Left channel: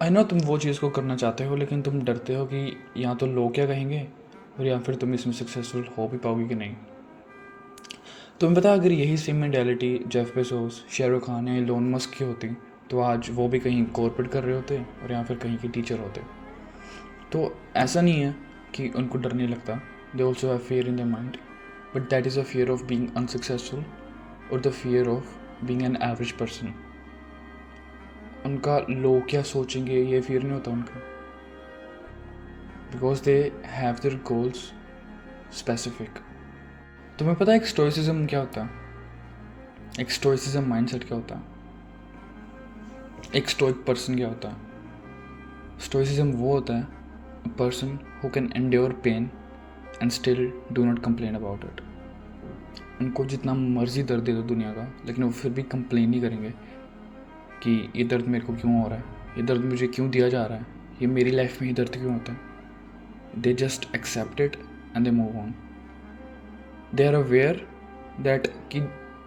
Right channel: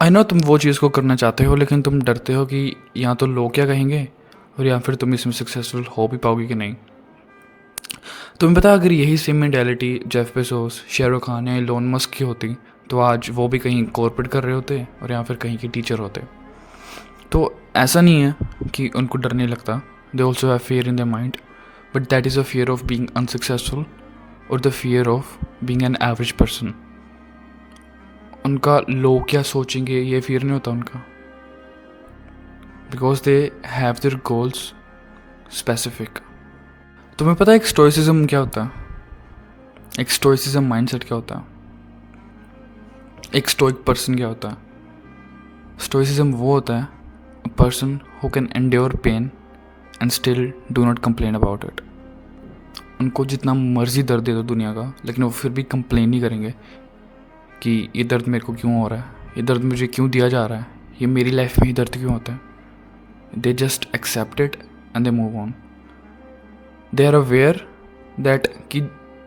I know तुम वो चीज़ को करना चाहते हो, लेकिन तुम डरते हो कि या तो लोग क्या कहेंगे, और या फिर तुम इसमें सक्सेसफुल हो भी पाओगे कि नहीं। तुम्हें पता, अगर यही same mentality Jeff Bezos, Shahrukh Khan या एलोन मस्क की होती तो आज वो भी कहीं कॉर्पोरेट कर रहे होते और या फिर कहीं के टीचर होते। तो ऐसा नहीं है कि उनको डर नहीं लगता, they also have fear in the mind, but that is a fear of being unsuccessful और the fear of being an average person. उनका लोग क्या सोचेंगे ये फियर नहीं होता उनका, because they have their goals specific. तुम्हें पता है एक स्टोइसिज्म क्या होता है, एक स्टोइसिज्म माइंडसेट क्या होता है, एक स्टोइक पर्सन क्या होता है। स्टोइसिज्म वो होता है a person who can endure pain and still do not complain about it. उनको जितना मर्जी दर्द दे दो दुनिया का, लेकिन वो फिर भी कंप्लेन नहीं करेंगे कि ये दर्द मेरे को क्यों हो रहा है, ये दर्द मुझे क्यों दिया जा रहा है, ये मेरी लाइफ में ही दर्द क्यों होता है। They just accept it and they move on. They are aware that कि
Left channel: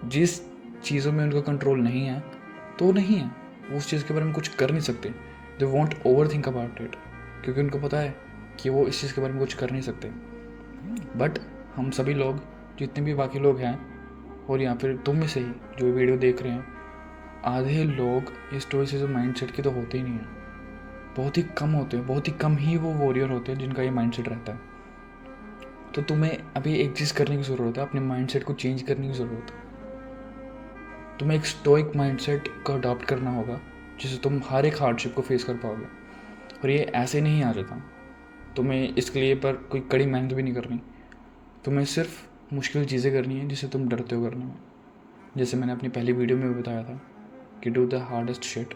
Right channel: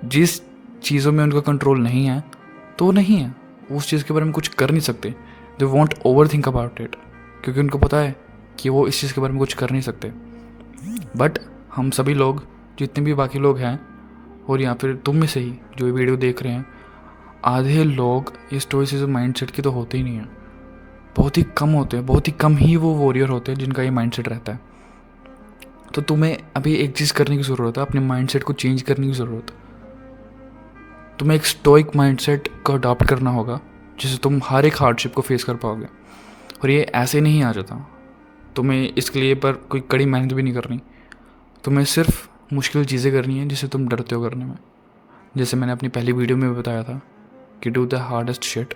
जिस चीज़ों में उनका कंट्रोल नहीं है तो नहीं है, उस चीज़ के बारे में कुछ कर नहीं सकते। They want over think about it, क्योंकि उनको पता है कि वो इस चीज़ के बारे में कुछ कर नहीं सकते। बट हम सभी लोग, जितने भी बाकी लोग हैं, और या फिर तुम में से ही जो ये वीडियो देख रहे हैं, आधे लोग इस स्टोइसिज्म माइंडसेट के तो होते ही नहीं हैं। बहुत ही कम होते हैं, बहुत ही कम ही वो वॉरियर होते हैं जिनका ये माइंडसेट रहता है। तो तुम्हें अभी एक चीज़ करने की ज़रूरत है, अपने माइंडसेट को चेंज करने की ज़रूरत है। तुम्हें एक स्टोइक माइंडसेट को अडॉप्ट करना होगा, जिससे तुम हर एक हार्डशिप को फेस कर पाओगे। और ये ऐसे नहीं आ जाता, तुम्हें इसके लिए पर कोई कड़ी मेहनत भी नहीं करनी। तुम्हें सिर्फ मुश्किल चीज़ें करनी है जिसे तुम डरते हो करने में। जैसे मैंने अपनी पहली वीडियो में बताया था कि डू द हार्डेस्ट शिट,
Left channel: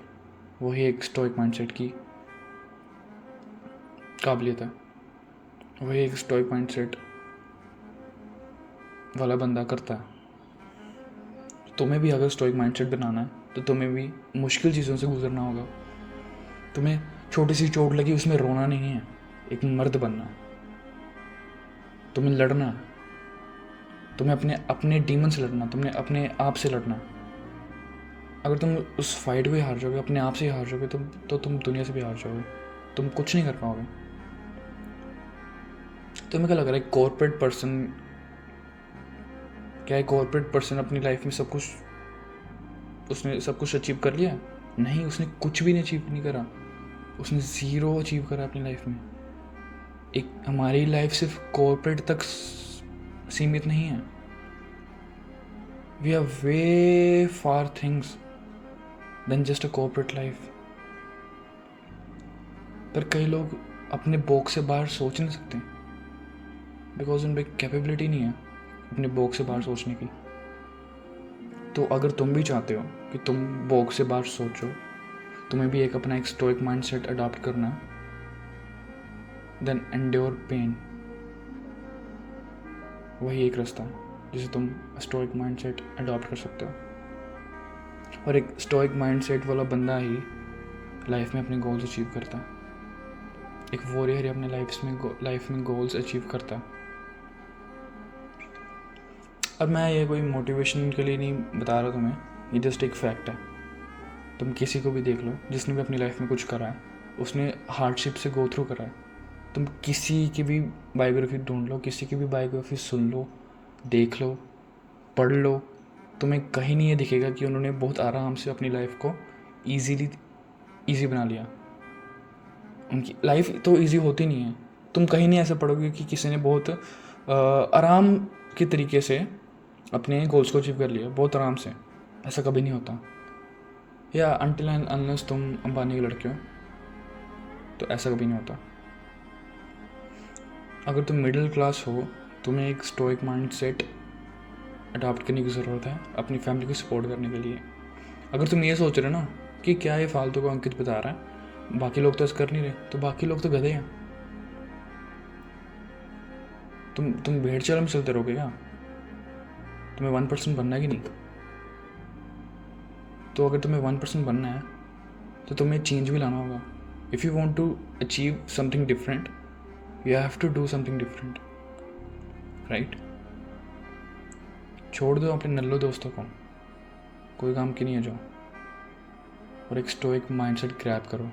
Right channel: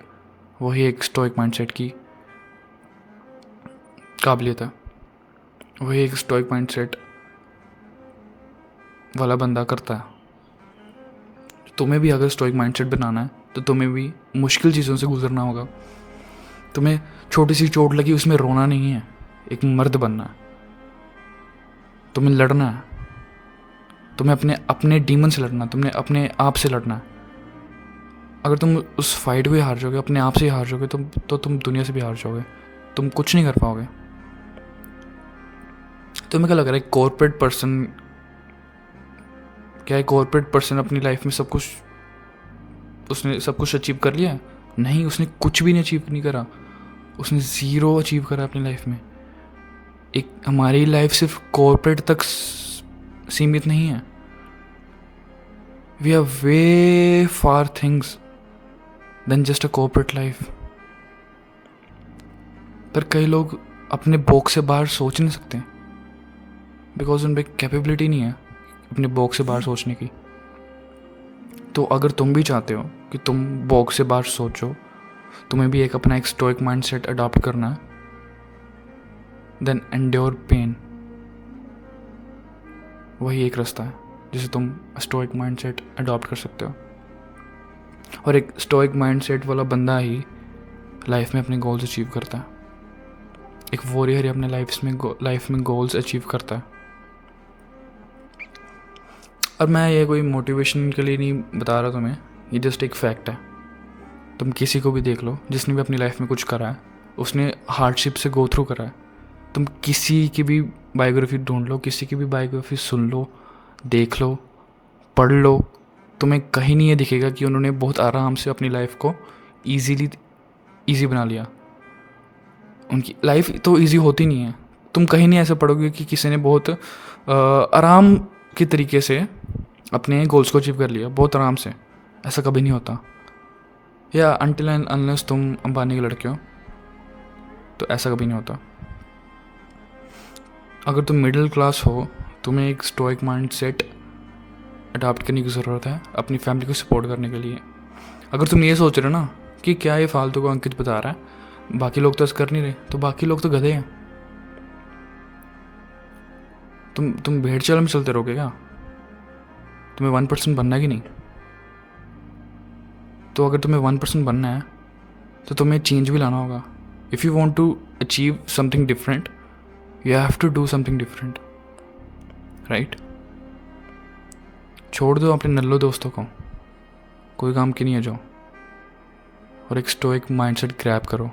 वही एक स्टोइक माइंडसेट की काबिलियत है। वही एक स्टोइक माइंडसेट वाला बंदा करता है। तुम्हें भी अगर स्टोइक माइंडसेट बनाना है तो तुम्हें भी मुश्किल चीज़ों से गुजरना होगा। तुम्हें छोटी सी चोट लगी उसमें रोना नहीं है, एक मर्द बनना है। तुम्हें लड़ना है, तुम्हें अपने अपने डीमन से लड़ना, तुमने अपने आप से लड़ना है। अगर तुम उस फाइट को ही हार जाओगे, अपने आप से ही हार जाओगे, तो तुम दुनिया से भी हार जाओगे, तुम कुछ नहीं कर पाओगे। तुम्हें क्या लग रहा है कॉर्पोरेट पर्सन, क्या है कॉर्पोरेट पर्सन अपनी लाइफ में सब कुछ, उसने सब कुछ अचीव कर लिया? नहीं, उसने कुछ भी नहीं अचीव नहीं करा। उसने ज़ीरो अचीव करा अपनी लाइफ में। एक हमारी लाइफ सिर्फ कॉर्पोरेट तक सीमित नहीं है। We are way far things then just a corporate life. पर कई लोग अपने बॉक्स से बाहर सोच नहीं सकते, बिकॉज उनमें कैपेबिलिटी नहीं है अपने बॉक्स से बाहर सोचने की। तो अगर तुम भी चाहते हो कि तुम बॉक्स से बाहर सोचो, तुम्हें भी एक अपना एक स्टोइक माइंडसेट अडॉप्ट करना है, देन एंड्योर पेन। वही एक रास्ता है जिसे तुम स्टोइक माइंडसेट अडॉप्ट कर सकते हो। और एक स्टोइक माइंडसेट वाला बंदा ही लाइफ में अपने गोल्स अचीव करता है। एक वॉरियर ही अपने लाइफ में गोल्स अचीव करता है। अब मैं ये कोई मोटिवेशन के लिए नहीं बता रहा तुम्हें, ये जस्ट एक फैक्ट है। तुम किसी को भी देख लो जिसने भी अपनी लाइफ में कुछ करा है, उसने हार्डशिप से गो थ्रू करा है। तुम किसी की भी बायोग्राफी ढूंढ लो, किसी की भी बायोग्राफी सुन लो, देख लो, पढ़ लो, तुम्हें कहीं नहीं ये दिखेगा कि उन्होंने बहुत आराम से अपनी लाइफ को ईजी बना लिया। उनकी लाइफ तो ईजी होती नहीं है। तुम कहीं नहीं ऐसा पढ़ोगे कि किसी ने बहुत आराम के तरीके से अपने गोल्स को अचीव कर लिया, बहुत आराम से। ऐसा कभी नहीं होता। या अनटिल एंड अनलेस तुम अंबानी के लड़के हो तो ऐसा कभी नहीं होता। अगर तुम मिडिल क्लास हो, तुम्हें एक स्टोइक माइंडसेट अडॉप्ट करने की ज़रूरत है अपनी फैमिली को सपोर्ट करने के लिए। अगर तुम ये सोच रहे हो ना कि क्या ये फालतू को अंकित बता रहा है, बाकी लोग तो ऐसा कर नहीं रहे, तो बाकी लोग तो गधे हैं। तुम भेड़ चाल में चलते रहोगे क्या? तुम्हें 1% बनना है कि नहीं? तो अगर तुम्हें 1% बनना है तो तुम्हें चेंज भी लाना होगा। If you want to achieve something different, you have to do something different, right? छोड़ दो अपने नल्लो दोस्तों को, कोई काम की नहीं है जो। और एक स्टोइक माइंडसेट ग्रैब करो।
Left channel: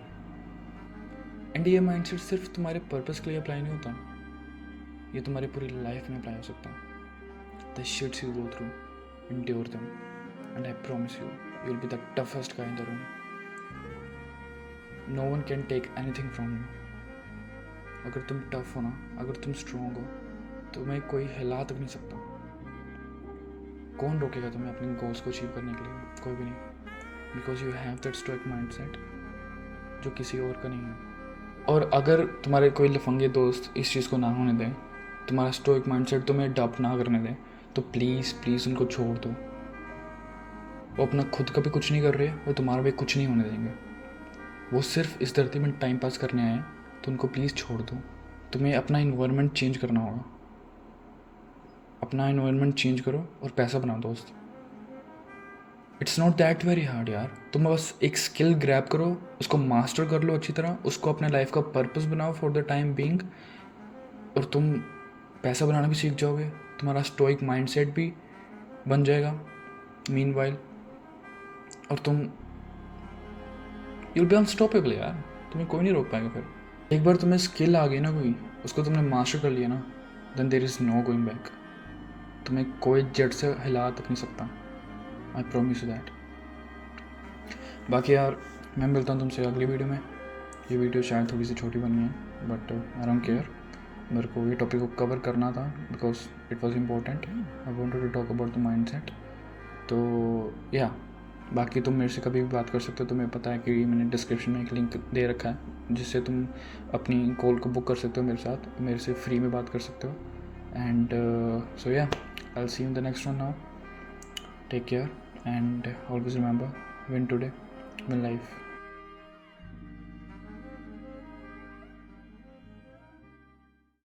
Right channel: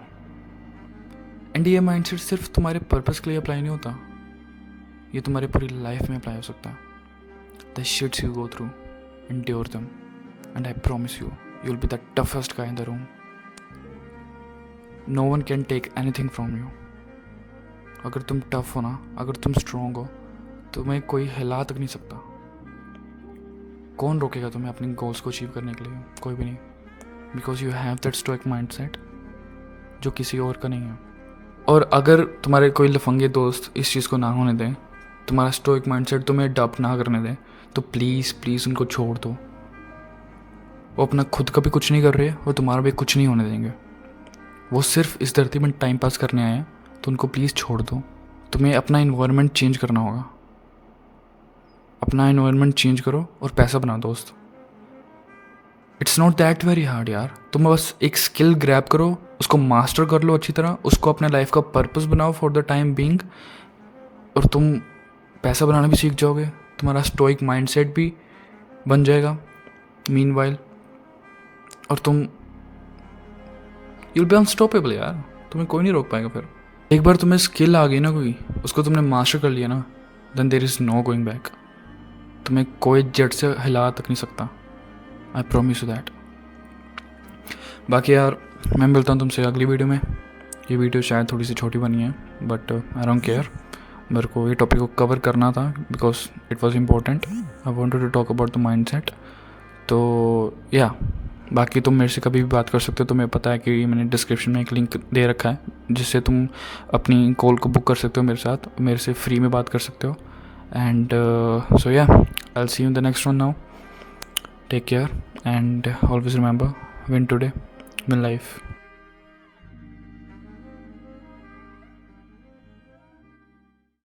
एंड ये माइंडसेट सिर्फ तुम्हारे पर्पस के लिए अप्लाई नहीं होता, ये तुम्हारी पूरी लाइफ में अप्लाई हो सकता है। The shits you go through, endure them, and I promise you will be the toughest guy in the room. No one can take anything from you. अगर तुम टफ हो ना, अगर तुम स्ट्रॉन्ग हो, तुम्हें कोई हिला तक नहीं सकता। कौन रोकेगा तुम्हें अपने गोल्स को अचीव करने के लिए? कोई भी नहीं, because you have that stoic mindset जो किसी और का नहीं है। और अगर तुम्हारे कोई लफंगे दोस्त इस चीज़ को ना होने दें, तुम्हारा स्टोइक माइंडसेट तुम्हें अडॉप्ट ना करने दें, तो प्लीज़ प्लीज़ उनको छोड़ दो। वो अपना खुद का भी कुछ नहीं कर रहे, वो तुम्हारा भी कुछ नहीं होने देंगे। वो सिर्फ इस धरती में टाइम पास करने आए हैं, तो उनको प्लीज़ छोड़ दो। तुम्हें अपना इन्वायरमेंट चेंज करना होगा। अपना इन्वायरमेंट चेंज करो और पैसा बनाओ दोस्त। It's not that very hard यार। तुम बस एक स्किल ग्रैब करो, उसको मास्टर कर लो अच्छी तरह, उसको अपने लाइफ का पर्पस बनाओ फॉर द टाइम बीइंग, और तुम पैसा बनाना भी सीख जाओगे। तुम्हारा स्टोइक माइंडसेट भी बन जाएगा मीनवाइल, और तुम यूल बी अनस्टॉपेबल यार। तुम्हें कोई नहीं रोक पाएगा। फिर एक बार तुम्हें स्किल आ गई ना कोई, उसको तुमने मास्टर कर लिया ना, then there is no going back. तुम्हें कोई जट से हिला तक नहीं सकता। I promise you that. बाकी यार मैं मिलता हूँ तुमसे अगली वीडियो में। ये वीडियो शायद थोड़ी सी छोटी बनी है, बट आई डोंट केयर। मेरे को ये टॉपिक को कवर करना था because it was important. I wanted to talk about the mindset. तो या बाकी तुम मेरे से कभी भी बात कर सकते हो। तुम्हें पता है कि मैंने डिस्क्रिप्शन में एक लिंक दे रखा है जिससे तुम अपनी कॉल को बुक कर सकते हो मेरे साथ, मेरे से फ्री में बात कर सकते हो। एंड सो या I will see you in the next one now. Take care and always remember, win today, win life.